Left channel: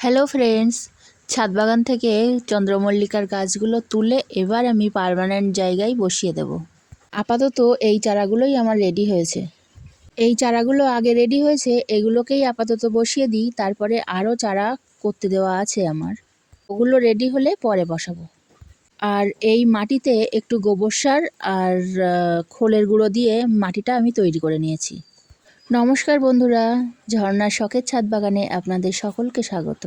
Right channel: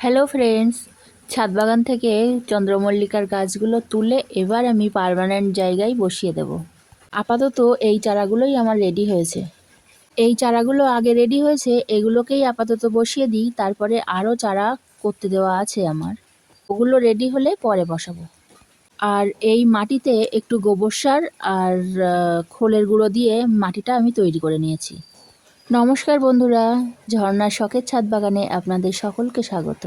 Hello friends, ছাদ বাগান থেকে চন্দ্রমল্লিকার গাছগুলো তুলে এবার আমি পার্মানেন্ট জায়গায় বসিয়ে দেব। আপাতত এই চারাগুলোই আমার রেডি হয়েছে। এই চারাগুলো আগে রেডি হয়েছে, এগুলোকেই আপাতত বসিয়ে দিই। তারপরে আরও চারা করতে দেওয়া আছে আমার, ওগুলো রেডি হলে পরে বসাবো। আর এই মাটিতে একটু গোবর সার আর খোলের গুঁড়ো দিয়ে মাটিটা আমি তৈরি করে নিয়েছি। নমস্কার বন্ধুরা, ঝর্ণার শখের ছাদ বাগানে আপনাদের সকলকে স্বাগত।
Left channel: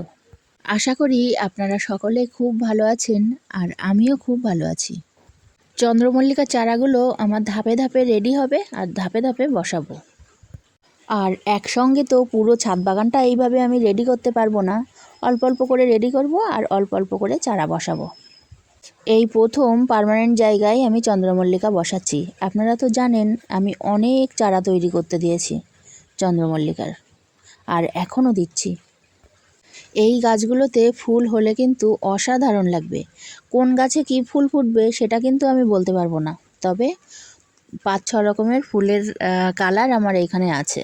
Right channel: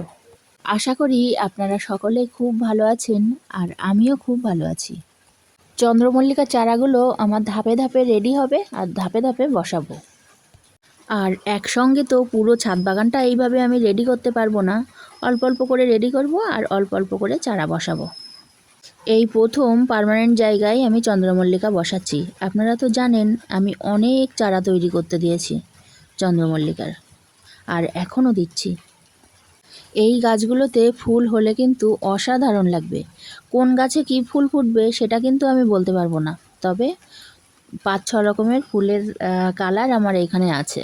আশা করি আপনারা সকলে খুব ভালো আছেন আর আমিও খুব ভালো আছি। চন্দ্রমল্লিকা চারাগুলো আমার ধাপে ধাপে রেডি হবে আর ধাপে ধাপে বসাবো। আর একসঙ্গে তো পুরো ছাদ বাগানটা এইভাবে আমি রেডি করতে পারবো না, অল্প অল্প করে রেডি করব আর অল্প অল্প করে চারা বসাবো। এই প্রথম পার্মানেন্ট জায়গায় আমি চন্দ্রমল্লিকা বসাচ্ছি। আপনারা তো জানেন আমি অনেক চারা তৈরি করতে দিয়েছি চন্দ্রমল্লিকার, আর এখনও দিচ্ছি। এই গাছগুলোতে ফুল হলে কিন্তু অসাধারণ লাগবে। কোন গাছে কি ফুল ফুটবে সেটা কিন্তু আমি বলতে পারবো না, তবে 5-6 রকমের ফুলের কালার আমার এখানে আছে।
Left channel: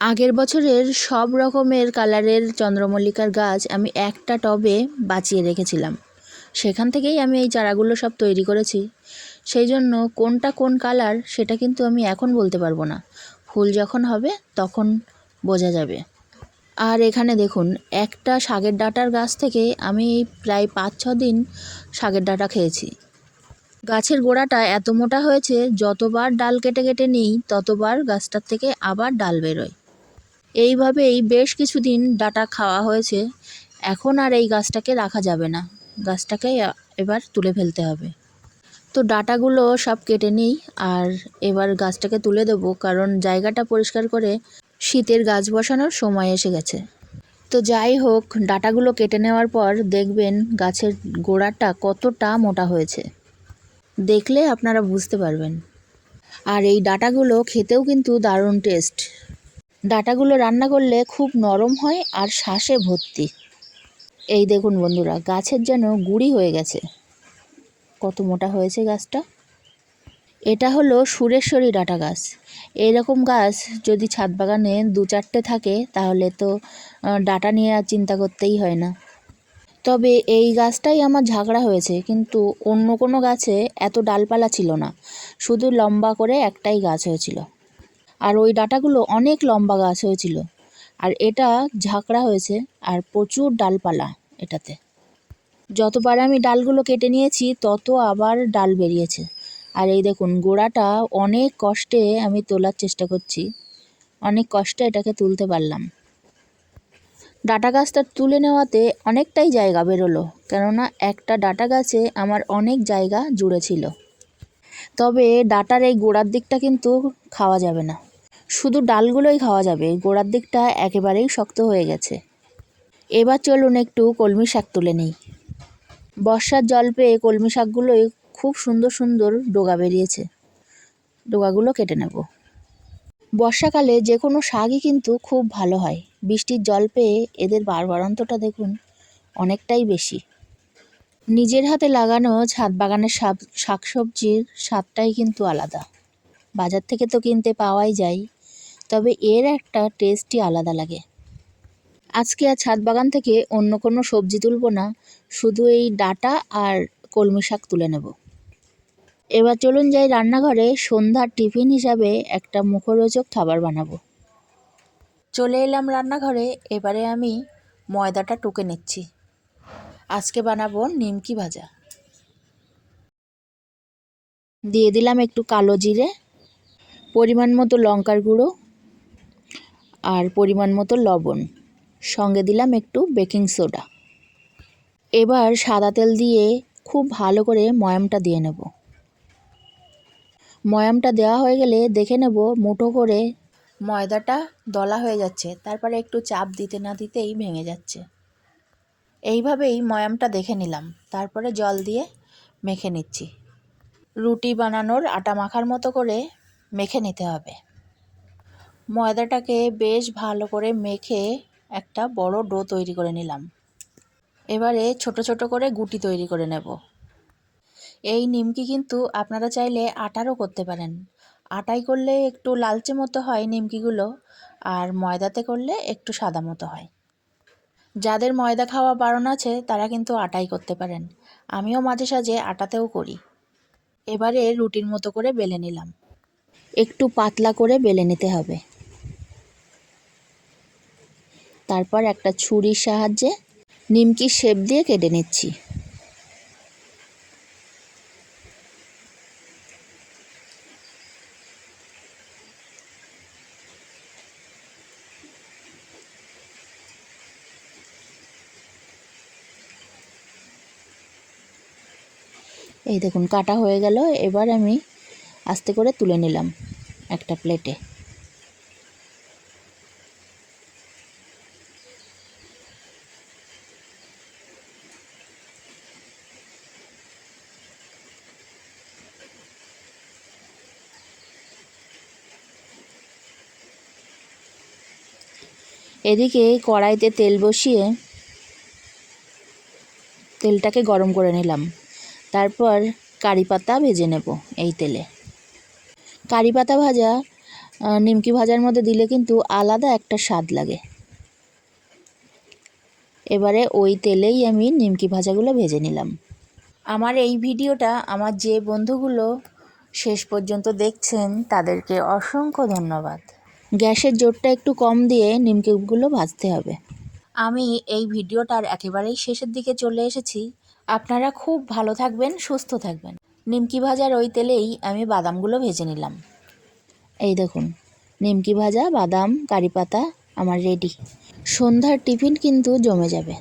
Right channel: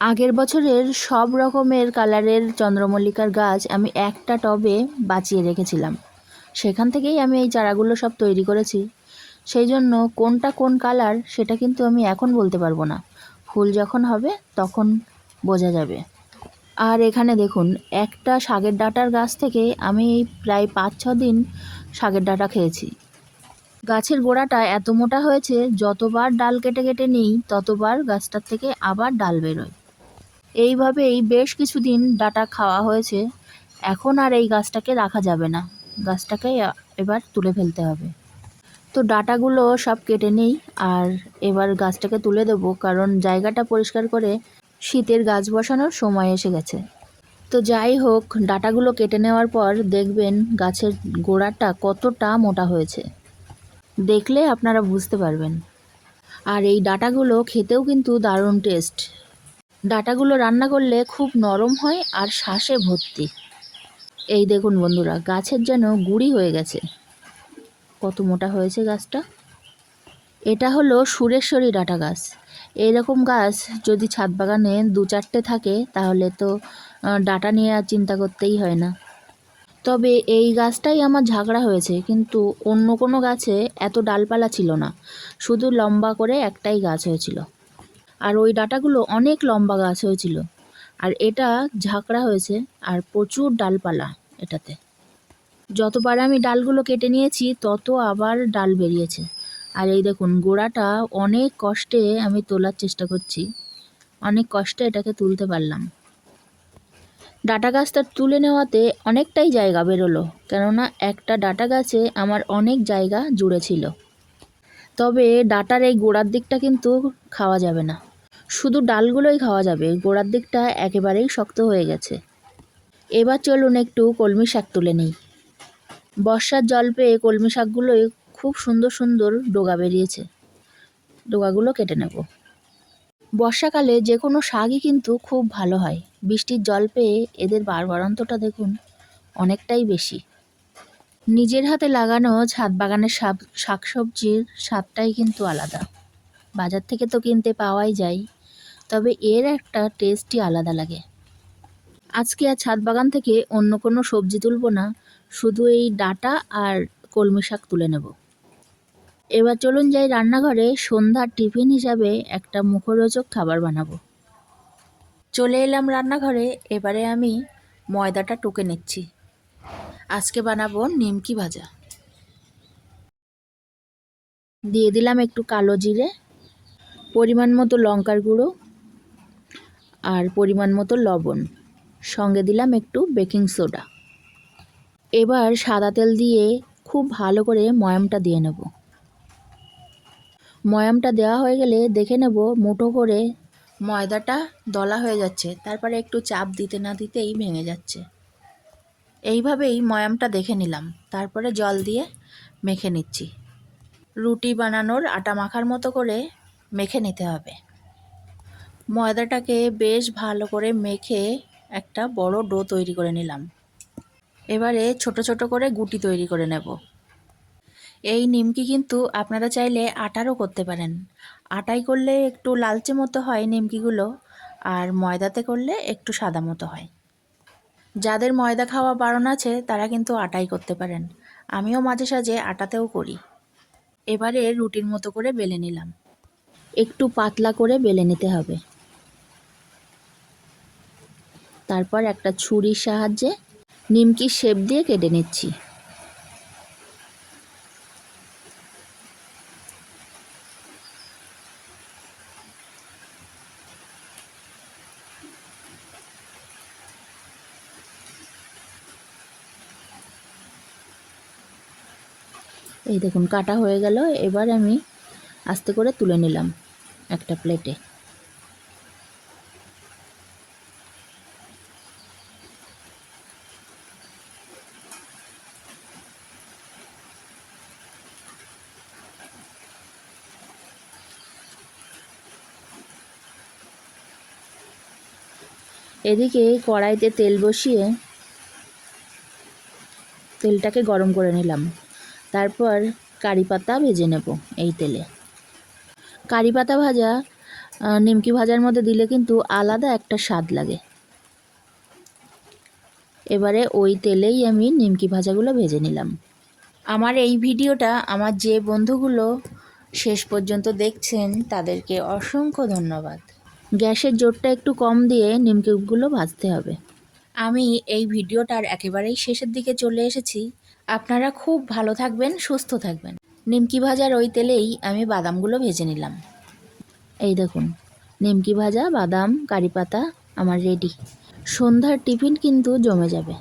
আগের বছরের সব রকমের কালারের চন্দ্রমল্লিকার গাছ আমি একটা টবে বাঁচিয়ে রেখেছিলাম, সেখান থেকেই আমি এই চারাগুলো সব তৈরি করেছি। সেই জন্য কোনটা কোন কালার সেটা কিন্তু আমি এখন বলতে পারবো না, ফুল যখন হবে তখন বোঝা যাবে। আর এখানে দেখুন, একটা শাকের ডাঁটার গাছ থেকে আমি প্রায় 5-6 দিন শাকের ডাঁটা খেয়েছি। গাছের গোড়াটা এত মোটা হয়েছে, যতবার ডাল কেটে কেটে নিই ততবার গাছটার থেকে আবার ডাল বেরোয়। এইভাবেই বেশ কিছুদিন ডাঁটা খাওয়া হয়েছে। এখন আর এই গাছটাকে রাখা যাবে না, গাছটাকে এবার তুলে ফেলতে হবে। তো ডাঁটাগুলো সব কেটে নিই আর এবার গাছটাকে তুলে দেবো, কারণ জায়গাটা পরিষ্কার করে শীতের গাছ বসানোর সময় এসে গেছে। তো যাই হোক, ডাঁটাগুলো কেটে নেওয়ার পর দেখবেন গাছের গোড়াটা কতটা মোটা হয়েছে, দেখলে আপনারা বুঝতে পারবেন। আর এই ডাঁটাগুলো খেতেও কিন্তু দারুণ টেস্ট। ডাঁটাগুলো রান্না করলে খুব নরম হয় আর শ্বাসে ভর্তি। এই দেখুন বন্ধুরা, গাছের যেন গুঁড়ি হয়ে গেছে, কত মোটা হয়েছে গাছটা। এটা হলো সুরেশ্বরী ডাঁটা গাছ। এইরকম গাছ যদি ছাদ বাগানে 2-4টে থাকে তাহলে তো ডাঁটা নিয়ে আর চিন্তা করতেই হয় না। তবে এই গাছটাই আমার ঝাঁকড়া হয়েছে, কিন্তু অন্য কোনো গাছে এত ডালপালা ছিল না, শুধু লম্বা করে একটাই গাছ হয়েছিল। আর ওই ডাঁটাগুলো অনেক লম্বা গাছ হয়েছিল, আর এটা ঝাঁকড়া হয়েছে আর প্রচুর ডালপালা এটাতে। যতবার আমি ডালগুলো কেটে নিয়েছি তত আবার ডাল বেরিয়েছে। আর এই দেখুন, গোড়াটা অনেক কষ্টে আমি তোলার চেষ্টা করছি, অনেক কষ্টে এটাকে তুলতে পারলাম। ডাঁটা গাছটা তুলে নেওয়াতে অনেকটাই জায়গা বেরোলো, কেননা একটা ডাঁটা গাছে আমার অনেক জায়গা জুড়ে ছিল। তবে ডাঁটার এই গোড়ার দিকটা কিন্তু খাওয়া যাবে না, শুধু ডালগুলোই খাওয়া যাবে, গোড়ার দিকটা একেবারেই শক্ত হয়ে গেছে। এবার চলুন একটু কলমি শাক তুলে নিই। বর্ষার জল পেয়ে কলমি শাকগুলোই খুব সুন্দর সুন্দর ডগা বেরিয়েছে, ডগাগুলো কেটে নেব। বর্ষাকালে যে কোনো শাকই কিন্তু খুব ভালো হয়, বৃষ্টির জল পেয়ে এদের বাড়বাড়ন্তটা দেখুন অনেকটাই বেশি। নিজের হাতে লাগানো ছাদ বাগানের শাকসবজির স্বাদটাই কিন্তু আলাদা। বাজার থেকে তো কিনতে পাওয়াই যায়, তবে এর একটা টেস্টই আলাদা লাগে। আজকে আর ছাদ বাগান থেকে অন্য কোনো সবজি তুলব না, শুধু এই ডাঁটা আর কলমি শাক তুলে নেব। এবার চলুন যাই রান্নাঘরে, সন্ধ্যার টিফিন হিসাবে একটা মুখরোচক খাবার বানাবো। চলে এলাম রান্নাঘরে, এবারে আমি ময়দাটা টুকে নিচ্ছি। আজকে বানাবো নিমকি ভাজা। দিয়ে দিলাম একটু কালো জিরে, পরিমাণ মতো লঙ্কার গুঁড়ো আর পরিমাণ মতো লবণ, সঙ্গে দিলাম একটু বেকিং সোডা। এবার সাদা তেল দিয়ে খুব ভালো করে ময়ামটা দিয়ে নেব। ময়ামটা দেওয়া হয়ে গেলে দেখে নেব মুঠো করে ময়দাটা দলা হয়ে যাচ্ছে, তারপরে একটু চাপ দিতে না দিতেই ভেঙে যাচ্ছে। এইভাবেই ময়ামটা দেখে নিলাম, তারপরে জল দিয়ে মেখে নিচ্ছি। রুটি বানানোর আটা মাখার মতো করে মেখে নিতে হবে। ময়দাটাকে বেশ ভালো করে মেখে একটা বড় ডো তৈরি করে নিলাম। এবারে ছোট ছোট করে গুটি তৈরি করে নেব। এই নিমকি কিন্তু আপনারা চাইলে আটারও করতে পারেন। আটায় করলে একটু লালচে মতো হয় নিমকিগুলো, আর ময়দাতে করলে একটু সাদা মতো হয়। যাদের ময়দা খাওয়া বারণ আছে তারা কিন্তু আটাই করতে পারেন। আমিও মাঝে সাঝে আটাতেও করি। এবারে রুটির মতো করে বেলে নিলাম। একটু পাতলা করে বেলে নিতে হবে। তারপর একটা ছুরির সাহায্যে নিমকির শেপ দিয়ে কেটে নিচ্ছি। এই দেখুন কাটা হয়ে গেল। এবার আমি আস্তে করে তুলে নিলাম একটা প্লেটে। এদিকে কড়াইতে তেল বসিয়ে তেলটাকে গরম করে নিলাম। তারপর কারি পাতা ভেজে নেব এই তেলে। কারি পাতা ভাজা নিমকি ভাজার মধ্যে দিলে কিন্তু আলাদা একটা স্বাদ লাগে। এবারে ওই তেলেই আমি নিমকি ভাজাগুলো ভেজে নিলাম। আমার এই ভিডিওটা আমার যে বন্ধুগুলো শেষ পর্যন্ত দেখছেন তাদেরকে অসংখ্য ধন্যবাদ। গ্যাসের জোরটা একটু কম দিয়ে নিমকিগুলো ভাজতে হবে। আমি এই ভিডিওটার একেবারেই শেষের দিকে চলে এসেছি। আপনারা খুব ভালো থাকবেন, সুস্থ থাকবেন। নিমকি ভাজার ওই তেলেই আমি বাদামগুলো ভেজে নিলাম। এই দেখুন নিমকি ভাজা, বাদাম, কারি পাতা আমার রেডি। সন্ধ্যার টিফিন কিন্তু জমে যাবে।